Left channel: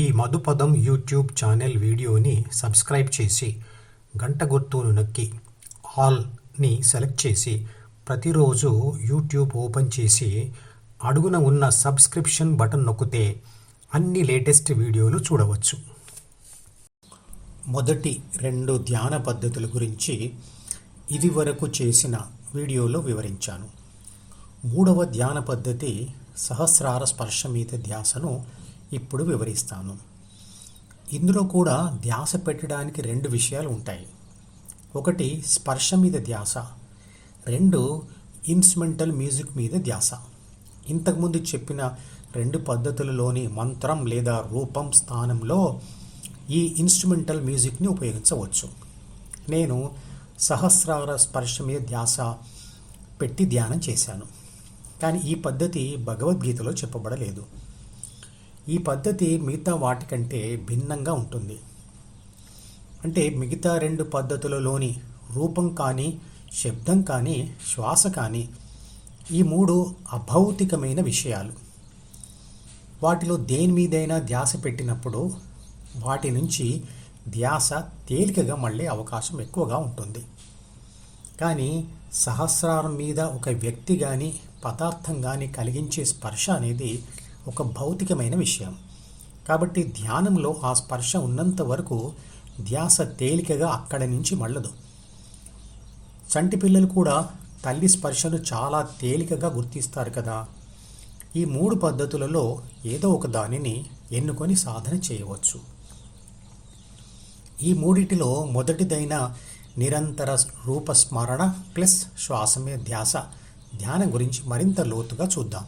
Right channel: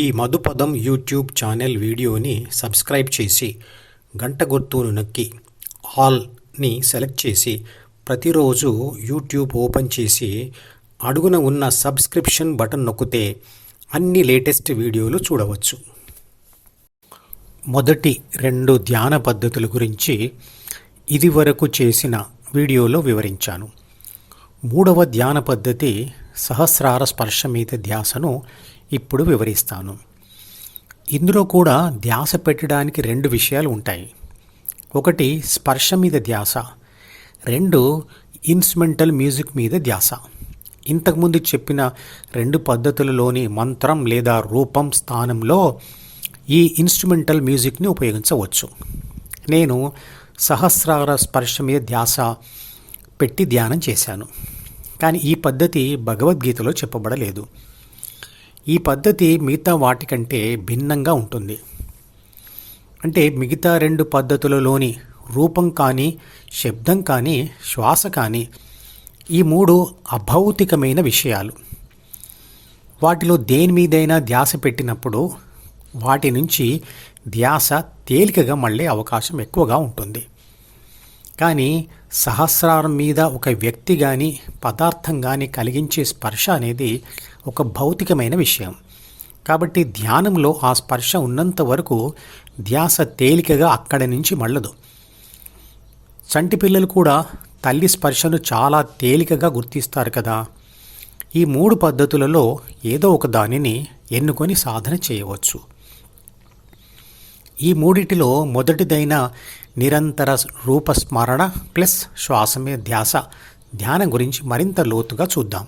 ఈ మధుపదం YouTube channel వీడియోని subscribe చేసి గంట గుర్తును నొక్కి ఆల్ని సెలెక్ట్ చేసి ప్రతిరోజు యూట్యూబ్ ఓపెన్ చేసి అడుగున ఉన్న సబ్స్క్రిప్షన్ బటన్ నొక్కితే అన్ని లేటెస్ట్ వీడియోలు చూడవచ్చు. మొదటి రెండు ధ్యాన పద్ధతుల గురించి ఇదివరకు చేసిన వీడియోలో వివరించాను. మూడవ ధ్యాన పద్ధతి సహస్రార స్పర్శ మీద ధ్యాసను ఇప్పుడు వివరిస్తాను. ఇందులో కూడా ధ్యాస పెట్టడానికి రెండు విషయాలు ఉంటాయి. ఒకటి స్పర్శ మీద ధ్యాస. రెండు ఇన్స్ట్రుమెంటల్ మ్యూజిక్ మీద ధ్యాస. ఇంతకుముందు చెప్పిన రెండు పద్ధతులలోని మంత్రం లేదా రూపం స్థానంలో ఈ ఇన్స్ట్రుమెంటల్ మ్యూజిక్ని ఉపయోగించవచ్చు. నేను సహస్రార స్పర్శ మీద ధ్యాస పెట్టి ధ్యానం చేశాను. కానీ ఈ పద్ధతి భగవద్గీతలో చెప్పబడలేదు. ఈ పద్ధతి మిగతా వాటికంటే భిన్నంగా ఉంటుంది. అంటే మిగతా రెండు పద్ధతులలోని రూపం కానీ శబ్దం కానీ శ్వాస కానీ ఈ మూడు అభౌతికమైన విషయాలు. వాటిలో దేని మీదైనా ధ్యాస పెట్టినప్పుడు వాటి నుంచి ధ్యాస తేలికగా మళ్ళీ అవకాశం ఎక్కువగా ఉంటుంది. కానీ సహస్రారం మీద ఒక వ్యక్తి కానీ పదార్థం కానీ కలిగించే స్పర్శ అనేది ఒక భౌతికమైన విషయం. కాబట్టి ధ్యానంలో ఆ స్పర్శ ఉన్నంత వరకు ధ్యాస తేలికగా అక్కడి నుంచి మళ్ళదు. చంటి పిల్లలు కూడా తల్లి స్పర్శను చాలా తేలికగా గుర్తిస్తారు కదా. ఈ మూడు పద్ధతులలో ఏదో ఒక దానిని ఎన్నుకొని సాధన చేయవచ్చు. ఈ మూడిటిలో మొదటిదైన నిరంతర రూపస్మరణ ప్లస్ శ్వాస మీద ధ్యాస. ధ్యానం గురించి మరింత లోతుగా చూద్దాం.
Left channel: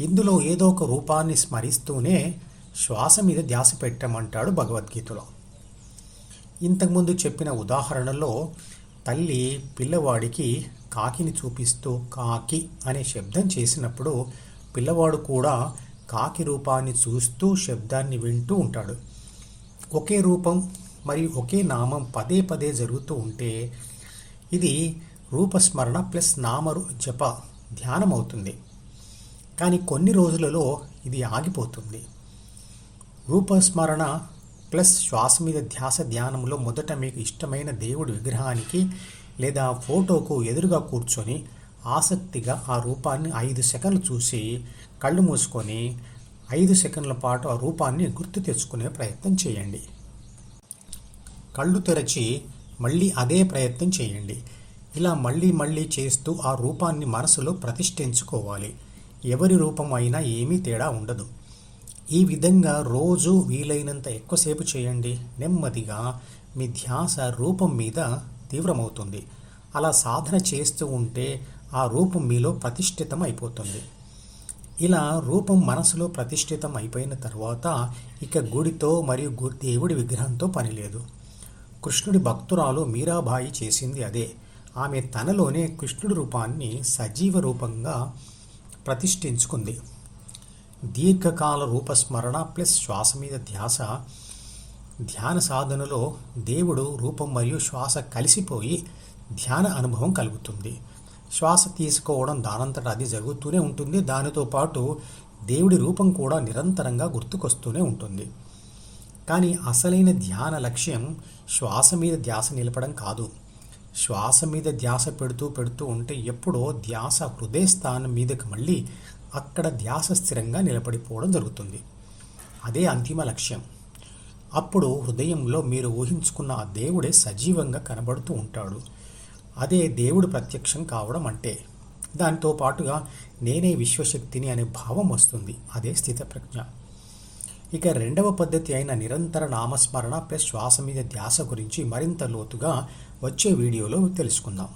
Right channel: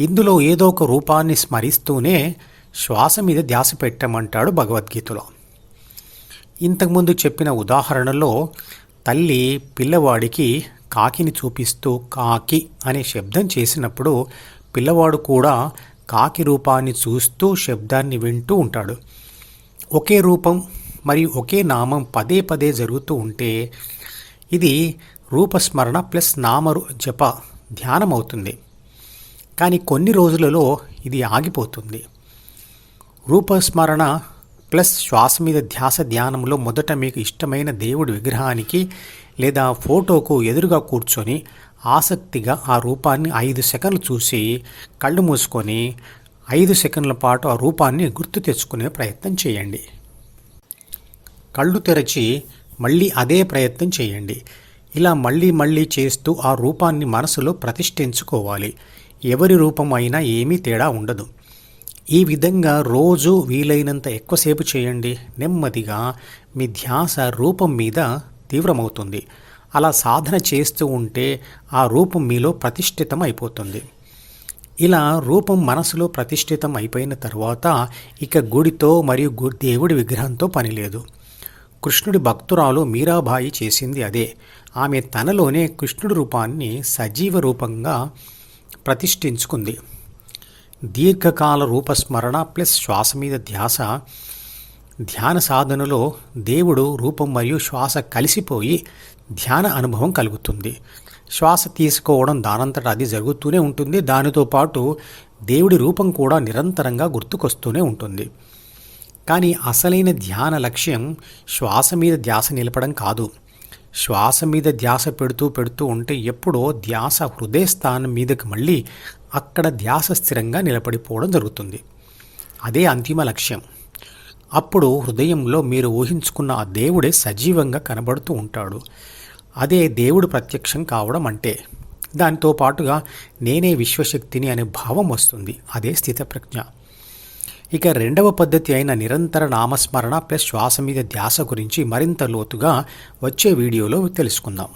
ఇందులో ఏదో ఒక రూపాన్ని స్మరిస్తూనే శ్వాస మీద ధ్యాస పెట్టమంటాడు భగవద్గీతలో. ఇంతకుముందు చెప్పిన ఉదాహరణలో తల్లి పిల్లవాడికి కాకిని చూపిస్తూ కాకి అనే శబ్దం చేసినప్పుడు పిల్లవాడు కూడా కాకి రూపాన్ని చూస్తూ శబ్దాన్ని వింటూ ఉంటాడు. ఒకే రూపం మరియు ఒకే నామం పదే పదే జరుగుతూ ఉంటే ఇది రూపస్మరణ ప్లస్ నామరు జప ధ్యానం అవుతుంది కానీ కొన్ని రోజులలో ఇది ఆగిపోతుంది. రూపస్మరణ ప్లస్ శ్వాస మీద ధ్యాస ధ్యానంలో మొదట మీకు ఇష్టమైన దేవుడి విగ్రహానికి లేదా ఫోటోకు ఎదురుగా కూర్చొని ఆసక్తిగా ఆ రూపాన్ని ఐదు సెకండ్లు చూసి కళ్ళు మూసుకొని ఐదు సెకండ్ల పాటు ఆ రూపాన్ని గుర్తు తెచ్చుకునే ప్రయత్నం చేయండి. కళ్ళు తెరచి మళ్ళీ అదే ప్రయత్నం చేయండి. ఇలా మళ్ళీ మళ్ళీ చేస్తూ ఆ రూపాన్ని మనసులో ప్రతిష్ఠించుకోవాలి. ఎవరి రూపం అయినా ఏమీ తేడా ఉండదు. ఈ విధంగా రోజు వీలైనంత ఎక్కువసేపు చేయండి. నెమ్మదిగా మీ ధ్యాస రూపం మీద తీవ్రమవుతుంది. అలా సాధన చేస్తూ ఉంటే ఆ రూపం మీలో ప్రతిష్ఠితం అయిపోతుంది ఇలా రూపం మనసులో ప్రతిష్ఠితం అయిపోయిన తర్వాత ఇక గుడితో మరియు దేవుడి విగ్రహంతో పనిలేదు కృష్ణుడి భక్తురాలు మీరాబాయి చేసింది అదే. ఆమె తనలోనే కృష్ణుడి రూపాన్ని సజీవ రూపంగా ప్రతిష్ఠించుకుంది. దీర్ఘకాల రూపస్మరణ ప్లస్ శ్వాస మీద ధ్యాస. ధ్యాన సాధనలో దేవుడు రూపం మరియు శ్వాస కలిసిపోయి ధ్యాన అనుభవం కలుగుతుంది. శ్వాస తీసుకోవడం దానంతట అది జరుగుతూనే ఉంటుంది. దానితో పాటు దేవుడి రూపం కూడా నిరంతరంగా గుర్తుకొస్తూనే ఉంటుంది. కానీ అసలైన ధ్యాన లక్ష్యం శ్వాస మీద ధ్యాస నిలపడం కాదు. శ్వాస మీద ధ్యాస పెడుతూ పెడుతూ ఉంటే ఎప్పుడో ధ్యాస హృదయ స్థానం మీదకి మళ్ళీ అక్కడ ధ్యాస స్థిరంగా నిలబడిపోవడం జరుగుతుంది. అదే అంతిమ లక్ష్యం. అప్పుడు హృదయంలో మీరు ఊహించుకున్న ఆ దేవుడే సజీవంగా కనబడుతూ ఉంటాడు. అదే దేవుడు ప్రత్యక్షం కావడం అంటే. దానితో పాటుగా నేనే విశ్వశక్తిని అనే భావం వస్తుంది. అదే స్థితప్రజ్ఞ. ఇక రెండవ పద్ధతి అయిన నిరంతర నామస్మరణ ప్లస్ శ్వాస మీద ధ్యాస గురించి మరింత లోతుగా వచ్చే వీడియోలో తెలుసుకుందాం.